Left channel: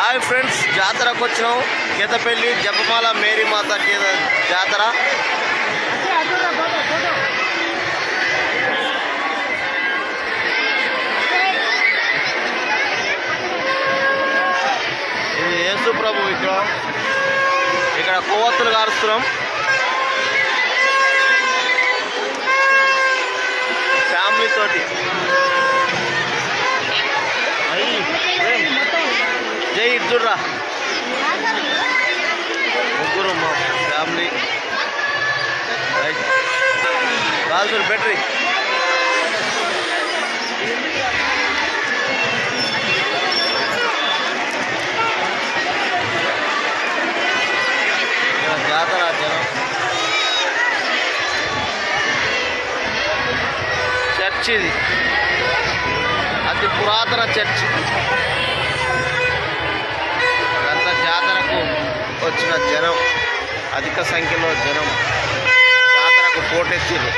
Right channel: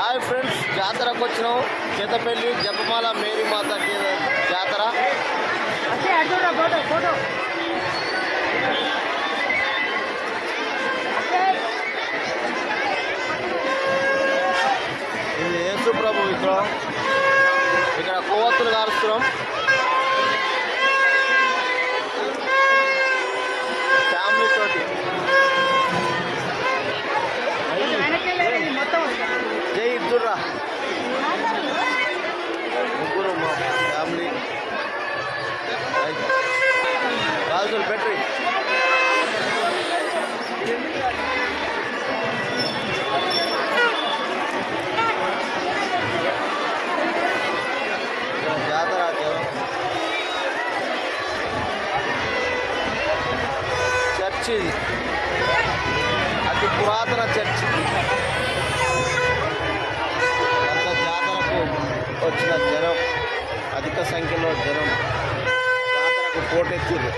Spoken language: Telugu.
హాయ్ ఫ్రెండ్స్ జాతరకు వచ్చినాం. కేతపల్లి జపమాల మేరీమాత జాతర. ఇది యేసు ప్రభు విగ్రహం. ఇక్కడ కొవ్వొత్తులు కారుస్తున్నాం. ఫ్యామిలీ జై ముగ్గురు మా ఫ్యామిలీ. రైట్. బాల్సులు బెటరీ. చర్చ్ ఇది అతి పురాతన చర్చ్. వచ్చిన జనం అధిక సంఖ్యలో జనం జాతరకు పోటెత్తిర్రు.